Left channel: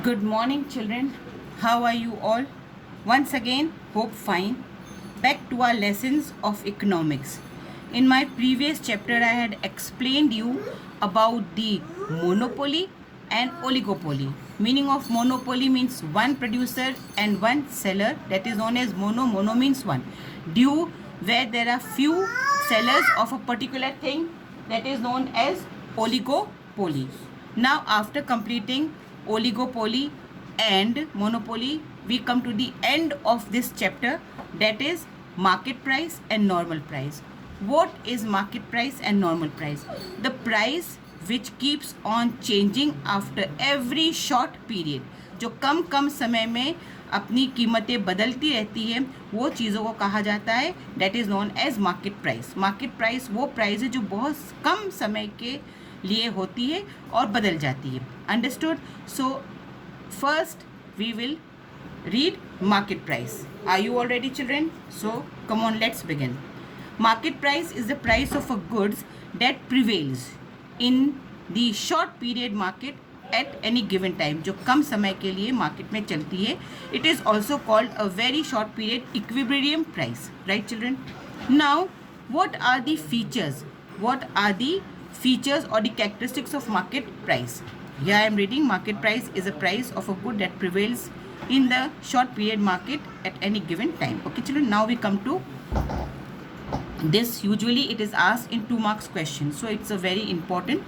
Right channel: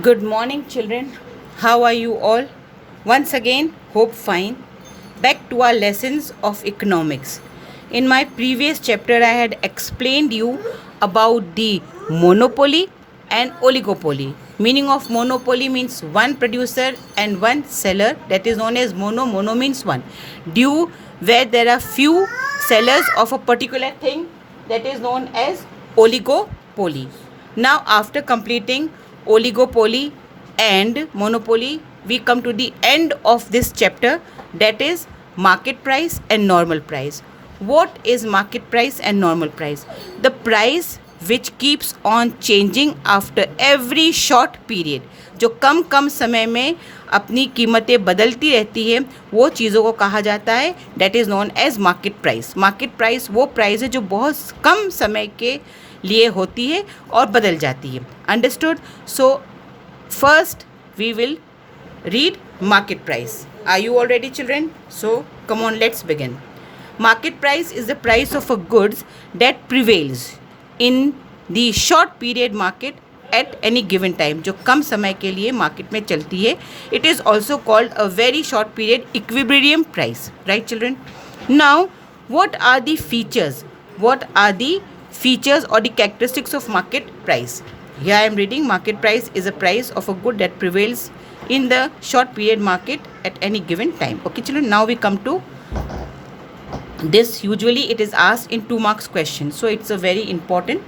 Good morning, children. How are you all? Once again, hope fine. Back to our lessons of economics. In my previous chapter, I had explained you about the monopoly and oligopoly. Meaning of monopoly means one producer and one seller. That is known as mono. Mono means one. Due where there are few sellers of a particular thing, that is known as oligopoly. Now, after completing oligopoly and monopoly, we come to the end of this chapter, that is market price and normal price. What is market price and normal price? The price which keeps on changing after every short period. जो कम कम समय में अपनी कीमतें बदलती रहती है, वो चीज़ों को कहा जाता है, that is known as market price. Market price वो प्राइस है जो बहुत कम समय के लिए होती है और बदल जाती है. Understood? So first we will read market price. Are you all ready, children? So come on, let's begin. Market price is the price of a goods that prevails in the short period market at any given time. जो कम समय के लिए market में चलती है. It is also called a very short period equilibrium price. Right, children? Now, what are the features? What are the features or the characteristics of market price? Here I am reading, market price is a price of a good that prevails in the short period market at any given time. Okay, children, now we come to this. Usually it is asked in 2 marks question, so it's a very important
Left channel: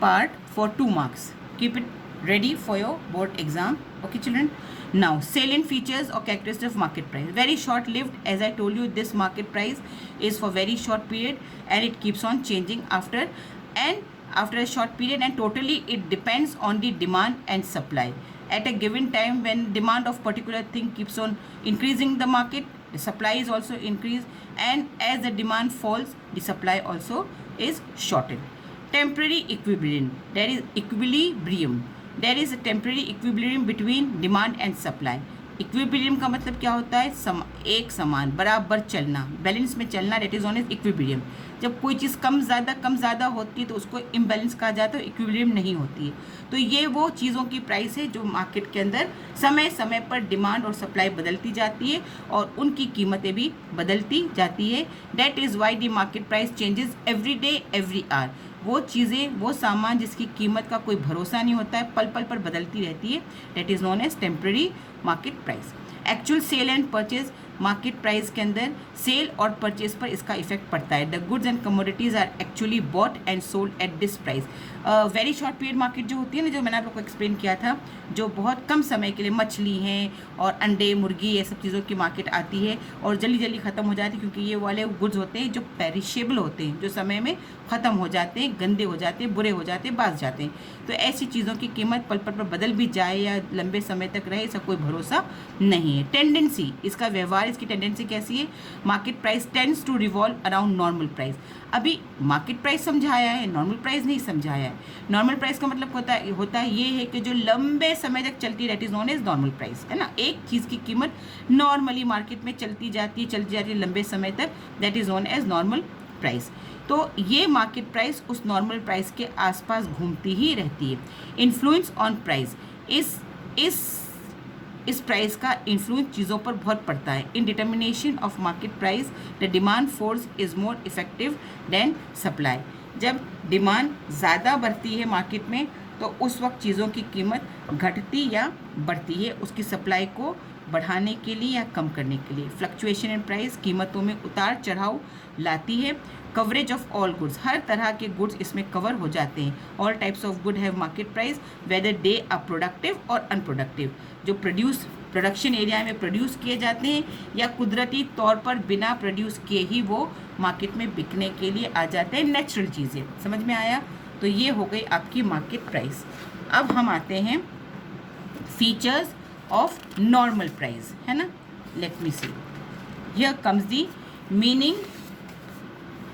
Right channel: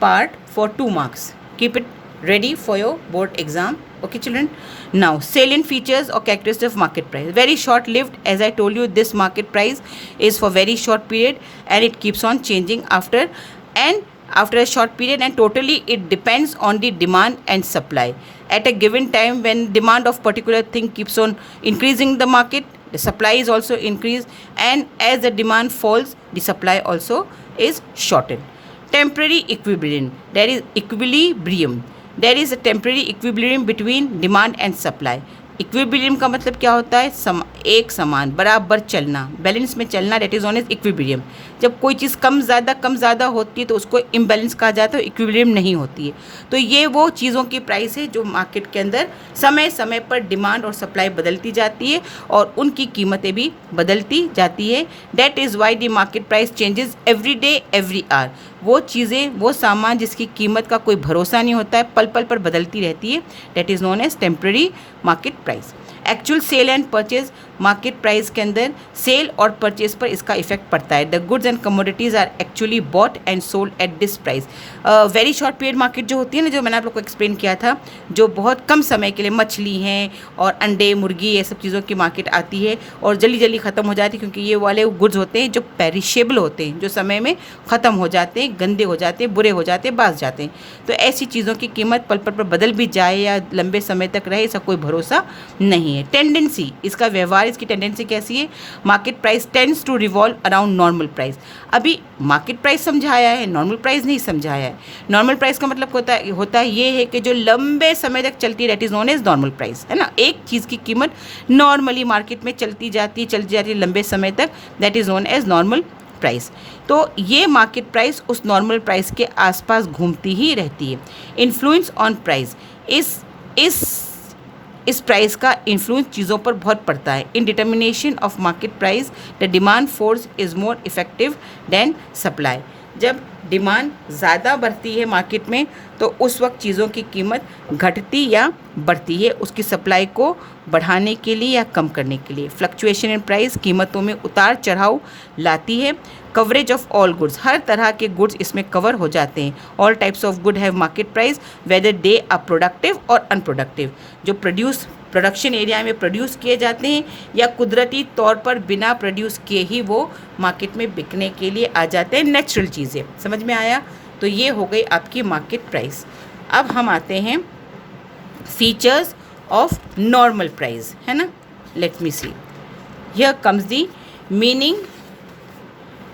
part for 2 marks. Keep it ready for your board exam. Okay, children. Now, salient features or characteristics of market price. Very short lived. As I told you, this market price is for very short period and it keeps on changing after a short period, and totally it depends on the demand and supply. At a given time, when demand of particular thing keeps on increasing the market, the supply is also increased, and as the demand falls, the supply also is shortened. Temporary equilibrium. There is equilibrium. There is a temporary equilibrium between demand and supply. Equilibrium का मतलब क्या होता है? एक समान बराबर चलना, balance में चलना, that is known as equilibrium. जब कोई चीज़ कम ज़्यादा होती है तो उसको इम्बैलेंस कहा जाता है, इक्विलिब्रियम नहीं होती है. तो ये वो चीज़ों की प्राइस है जो मार्केट के अंदर समय समय पर डिमांड और सप्लाई बदलती जाती है और उनकी कीमतें भी बदलती जाती है. That is why the market price changes every day every hour. वो चीज़ें, वो सामान जिसकी कीमत का कोई भरोसा नहीं होता है, पल पल पर बदलती रहती है, that is known as temporary market price. Actual sale and purchase. Market price के अंदर सेल और परचेज पर इसका इफेक्ट पड़ता है. The goods and commodities are actually bought and sold at this price. Very short period market जो होती है ना, जो मैंने आप लोग को एक्सप्लेन किया था, जो बहुत कम समय के लिए मछली हैं और अंडे, मुर्गी, ये सब चीज़ों की मार्केट आती है और जल्दी जल्दी ख़त्म हो जाती है, क्योंकि ये वाले गुड्स होते हैं जो पेरिशेबल होते हैं, जो समय में ख़त्म हो जाते हैं, गंदे हो जाते हैं, बुरे हो जाते हैं, बास जाते हैं. तो ऐसी चीज़ों की कीमत पल पल पर बदल भी जाए या लंबे समय तक रहे, इसका कोई भरोसा नहीं है. टेंडेंसी, इसका व्यवहार, इसकी टेंडेंसी कैसी है? Market price tends to revolve around normal price. अभी मार्केट प्राइस समझाया है, नॉर्मल प्राइस नहीं समझाया है. नॉर्मल प्राइस का मतलब होता है ये है कि जो लंबे समय तक चलती है, that is known as normal price, है ना. एक चीज़ की कीमत नॉर्मली मार्केट में चलती जाती है लंबे समय तक, that is known as normal price. तो ये मार्केट प्राइस उस नॉर्मल प्राइस के आसपास घूमती ही रहती है. Influence on price. इस प्राइस का इन्फ्लुएंस चीज़ों पर बहुत पड़ता है. In determination of market price the demand force is more effective than supply. जब डिमांड ज़्यादा बढ़ती है मार्केट में तो उस वक्त चीज़ों की कीमत घटती या बढ़ती है उसकी सप्लाई को बढ़ाने के लिए या कम करने के लिए. फ्लक्चुएशन इन प्राइस कीमतों में उतार चढ़ाव लाती है. कवरेज ऑफ ऑल गुड्स, हर तरह के गुड्स इसमें कवर हो जाते हैं. All types of good have market price whether they are productive और अनप्रोडक्टिव. जो प्रोडक्शन एरिया में प्रोड्यूस किए जाते हैं या कुदरती तौर पर बिना प्रोड्यूस किए ही वो मार्केट में बिकने के लिए आ जाते हैं, नेचुरल चीज़ें. समझ में आया? तो ये हो गई आपकी मार्केट प्राइस. अब हम आते हैं फीचर्स ऑफ नॉर्मल प्राइस, है ना. Let me see, here comes the meaning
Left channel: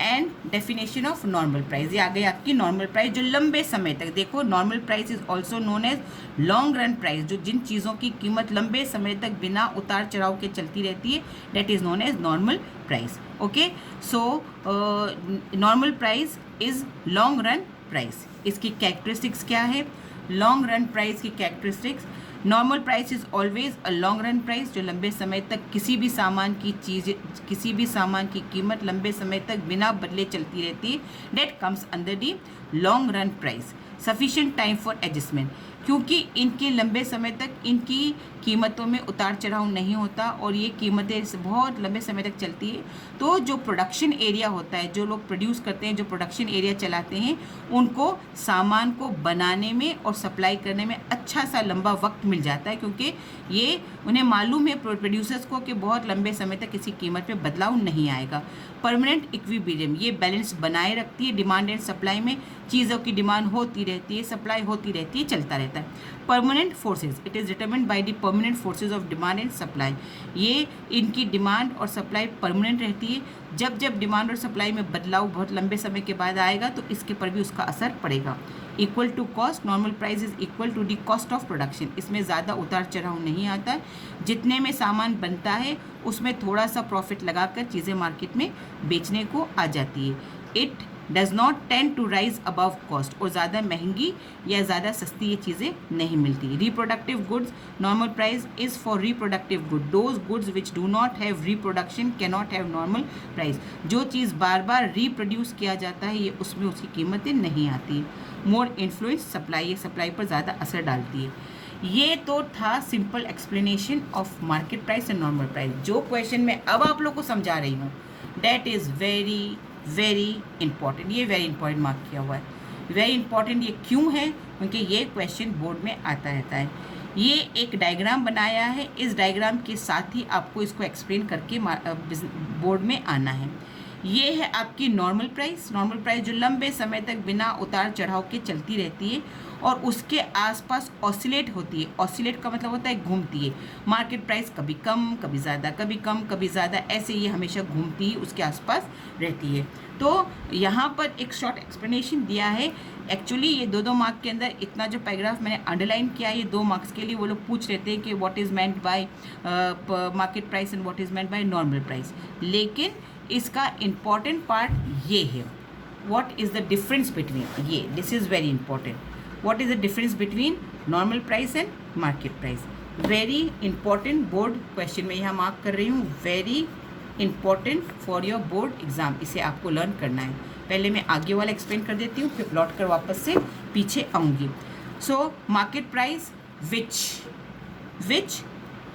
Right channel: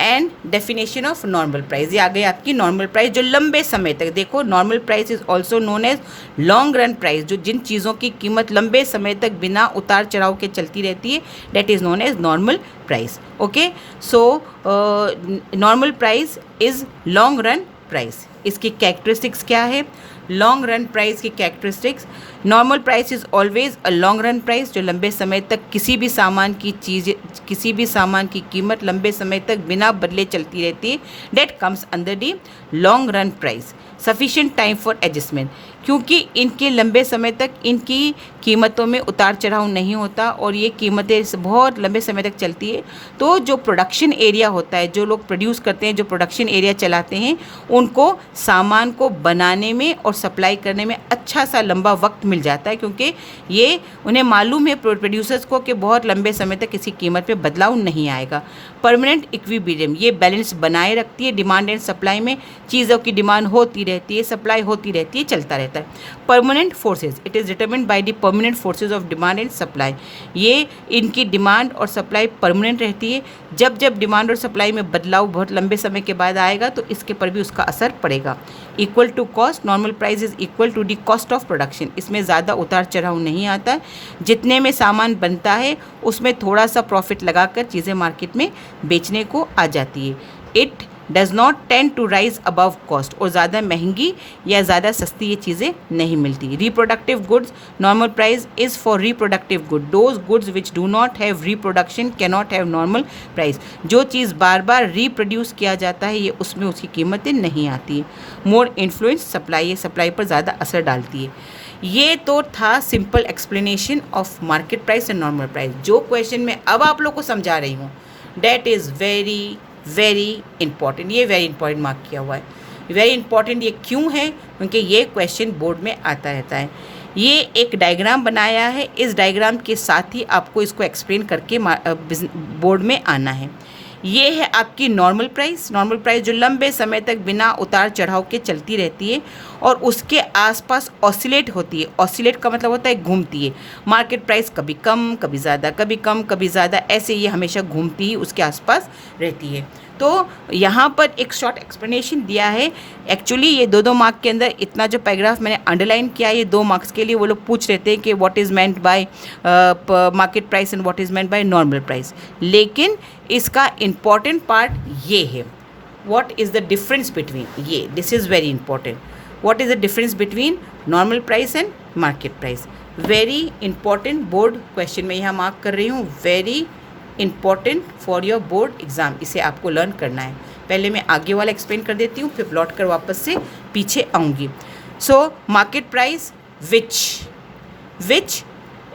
and definition of normal price. ये आ गई आपकी नॉर्मल प्राइस जो लंबे समय तक, देखो normal price is also known as long run price. जो जिन चीज़ों की कीमत लंबे समय तक बिना उतार चढ़ाव के चलती रहती है, that is known as normal price. Okay, so normal price is long run price. इसकी कैरेक्टरिस्टिक्स क्या है? लॉन्ग रन प्राइस की characteristics. Normal price is always a long run price, जो लंबे समय तक किसी भी सामान की कीमत लंबे समय तक बिना बदले चलती रहती है। That comes under the long run price. Sufficient time for adjustment, क्योंकि इनके लंबे समय तक इनकी कीमतों में उतार चढ़ाव नहीं होता और ये कीमतें बहुत लंबे समय तक चलती है। तो जो प्रोडक्शन एरिया होता है, जो लोग प्रोड्यूस करते हैं, जो प्रोडक्शन एरिया चलाते हैं, उनको सामान को बनाने में और सप्लाई करने में अच्छा सा लंबा वक्त मिल जाता है, क्योंकि ये उन्हें मालूम है प्रोड्यूसर्स को कि बहुत लंबे समय तक किसी कीमत पे बदलाव नहीं आएगा। परमानेंट इक्विलिब्रियम, ये बैलेंस बनाए रखती है। डिमांड एंड सप्लाई में चीज़ों की डिमांड होती रहती है, सप्लाई होती रहती है, चलता रहता है। Permanent forces, it is determined by the permanent forces of demand and supply. ये इनकी डिमांड और सप्लाई परमानेंट रहती है। जब जब डिमांड और सप्लाई में बदलाव बहुत लंबे समय के बाद आएगा तो इसके पर भी उसका असर पड़ेगा। Equal to cost, normal price is equal to the cost of production. इसमें ज़्यादा उतार चढ़ाव नहीं आता। जितने में सामान बनता है उसमें थोड़ा सा प्रॉफिट लगाकर चीज़ें मार्केट में बेचने को आ जाती है। It does not tend to rise above cost, और ज़्यादा महंगी या ज़्यादा सस्ती ये चीज़ें नहीं मिलती। Reproductive goods, normal price is for reproductive good. Those goods which do not have reproduction can not have normal price. जो चीज़ बार बार रिप्रोड्यूस किया जाता है ये उसमें उसकी कीमतें नहीं आती है। मोर इन्फ्लुएंस सप्लाई, ये सप्लाई पर ज़्यादा असर डालती है। ये तो था simple explanation of market price and normal price. जो क्वेश्चन मैं अब आप लोग को समझा रही हूँ, डैट इज़ वेरी इंपॉर्टेंट। ये वेरी इंपॉर्टेंट मार्क किया हुआ है। वेरी इंपॉर्टेंट ये क्यों है? क्योंकि ये क्वेश्चन बोर्ड में आता रहता है। ये एक डायग्राम बनाया है, इस डायग्राम के साथ ही आपको इसको एक्सप्लेन करके बोर्ड में आना है। ये है आपकी नॉर्मल प्राइस। नॉर्मल प्राइस जो लंबे समय तक बिना उतार चढ़ाव के चलती रहती है और उसके आसपास ऑसिलेट होती है। ऑसिलेट का मतलब होता है घूमती है। मार्केट प्राइस कभी कम कभी ज़्यादा, कभी कम कभी ज़्यादा, ऐसे ये हमेशा घूमती ही उसके आसपास रहती है। तो यहाँ पर एक शॉर्ट एक्सप्लेनेशन दिया है। एक्चुअली ये दो मार्क के अंदर इतना जो पैराग्राफ मैंने अंडरलाइन किया है, ये 2 मार्क्स के लिए वो लोग पूछ लेते हैं कि what is meant by market price and what is meant by normal price. लेकिन इसका इम्पॉर्टेंट पार्ट ये है, what is the difference between, ये this is very important. What is the difference between normal price and market price. Very important board question मैं यहाँ mark कर रही हूँ। Very important for your board exam, इसे आपको लर्न करना है। पहले मैं आगे वाला एक्सप्लेन कर देती हूँ, फिर लौट कर वापस से पीछे आऊँगी। So market price which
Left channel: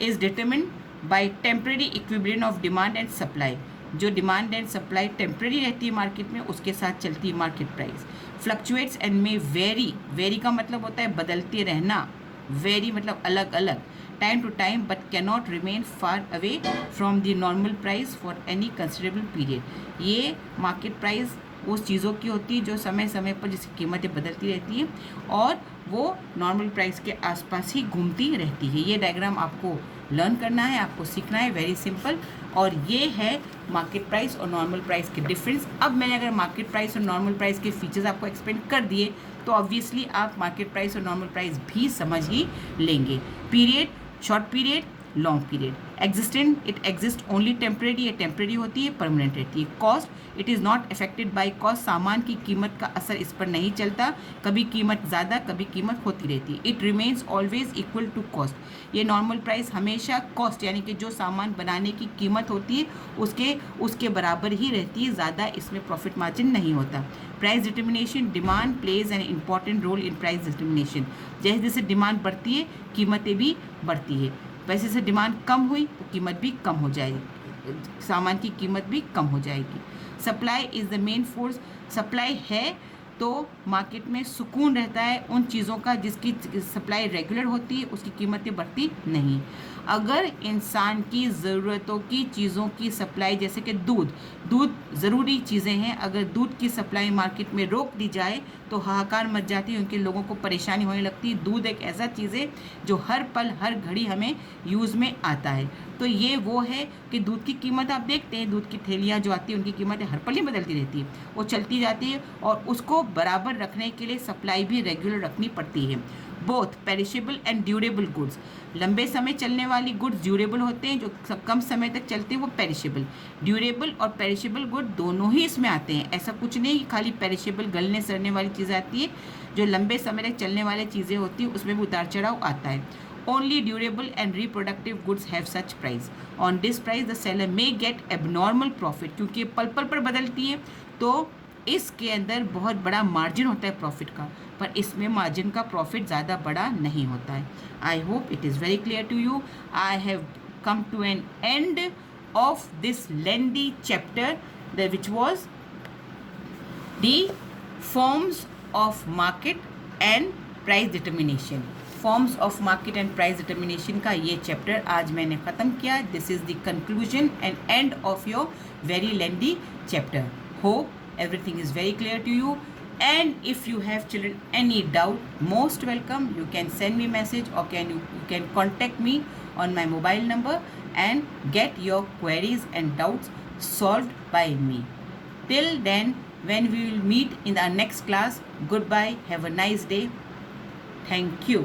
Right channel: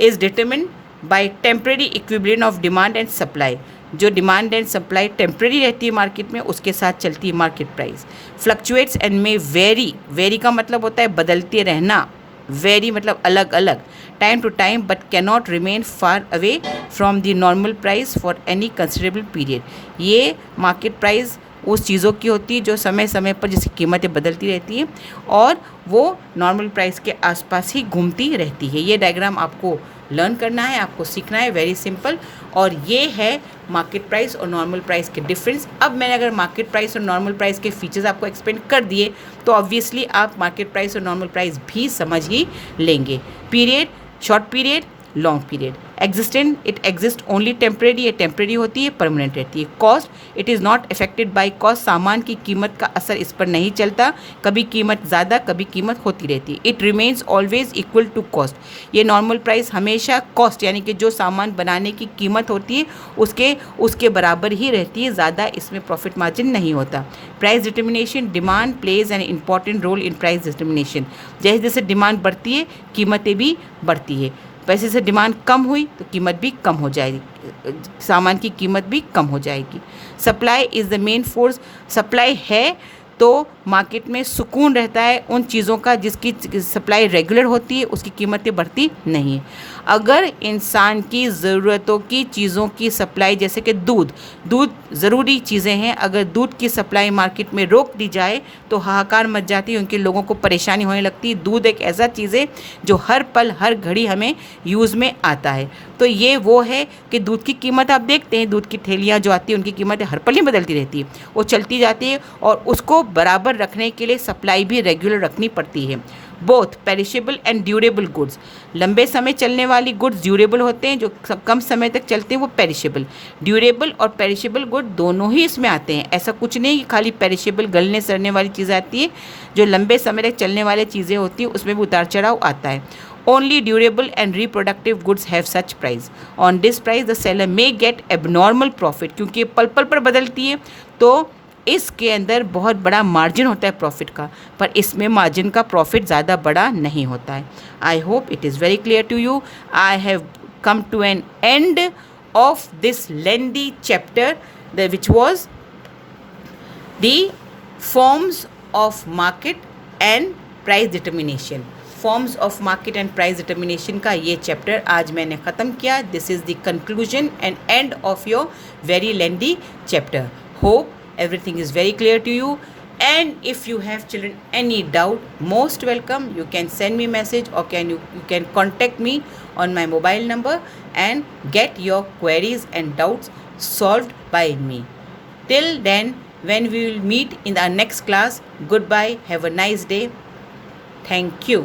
is determined bye temporary equilibrium of demand and supply. जो डिमांड एंड सप्लाई टेम्परेरी रहती है मार्केट में, उसके साथ चलती है मार्केट प्राइस। फ्लक्चुएट्स एंड में वेरी का मतलब होता है बदलते रहना, वेरी मतलब अलग अलग, time to time, but cannot remain far away from the normal price for any considerable period. ये मार्केट प्राइस उस चीज़ों की होती है जो समय समय पर जिसकी कीमतें बदलती रहती है और वो नॉर्मल प्राइस के आसपास ही घूमती रहती है। ये डायग्राम आपको लर्न करना है, आपको सीखना है, वेरी सिंपल। और ये है मार्केट प्राइस और नॉर्मल प्राइस के डिफरेंस। अब मैंने अगर मार्केट प्राइस और नॉर्मल प्राइस के फीचर्स आपको एक्सप्लेन कर दिए तो ऑब्वियसली आप मार्केट प्राइस और नॉर्मल प्राइस भी समझ ही लेंगे। Period, short period, long period. Existent, it exist only temporary, ये टेम्परेरी होती है, परमानेंट रहती है। Cost, it is not affected by cost, सामान की कीमत का असर इस पर नहीं चलता, कभी कीमत ज़्यादा कभी कीमत होती रहती है। It remains always equal to cost, ये नॉर्मल प्राइस हमेशा कॉस्ट यानी कि जो सामान बनाने की कीमत होती है उसके बराबर ही रहती है, ज़्यादा इसमें प्रॉफिट मार्जिन नहीं होता। Price determination, demand plays an important role in price determination. जैसे जैसे डिमांड बढ़ती है कीमतें भी बढ़ती है, वैसे से डिमांड कम हुई तो कीमत भी कम हो जाएगी, सामान की कीमत भी कम हो जाएगी। Supply is the main force, supply है तो मार्केट में सुकून रहता है उन चीज़ों का जिसकी सप्लाई रेगुलर होती है, उसकी कीमतें बढ़ती नहीं है। अगर इंसान की ज़रूरतों की चीज़ों की सप्लाई, जैसे कि दूध ज़रूरी चीज़ें हैं, अगर दूध की सप्लाई मार्केट में रोक दी जाए तो हाहाकार मच जाती है, उनके लोगों को परेशानी होने लगती है। दूध एक ऐसा चीज़ है जो हर पल हर घड़ी हमें यूज़ में आता है। तो ये वो है कि दूध की कीमत आप देखते हैं, दूध की थैलियाँ जो आती हैं उनकी कीमतें हर पल ही बदलती रहती है, वो चलती जाती है और उसको बराबर रखने के लिए सप्लाई भी रेगुलर रखनी पड़ती है। Both perishable and durable goods. लंबे समय चलने वाली गुड्स ड्यूरेबल होते हैं, जो कम समय तक चलते हैं वो पेरिशेबल। ड्यूरेबल और पेरिशेबल गुड दोनों ही इसमें आते हैं। ऐसा कुछ नहीं कि खाली पेरिशेबल गलने सड़ने वाली चीज़ आती है, जो लंबे समय तक चलने वाली चीज़ें होती हैं उसमें भी उतार चढ़ाव आता है। Only durable and reproductive goods have such price. On this price the seller may get abnormal profit, क्योंकि पल पल पर बदलती है तो इसके अंदर बहुत बड़ा मार्जिन होता है प्रॉफिट का, पर इसमें मार्जिन का प्रॉफिट ज़्यादा बड़ा नहीं होता है। I hope it is very clear to you. I have come to an end of this lengthy chapter, which was the forms of market and price determination. Forms of market and price determination का ये chapter आज मैंने ख़त्म किया। This is the conclusion and end of your very lengthy chapter. Hope everything is very clear to you, and if you have children any doubt, most welcome, you can send me message or you can contact me on my mobile number and get your queries and doubts solved by me. Till then, when we will meet in our next class, goodbye, have a nice day, thank you.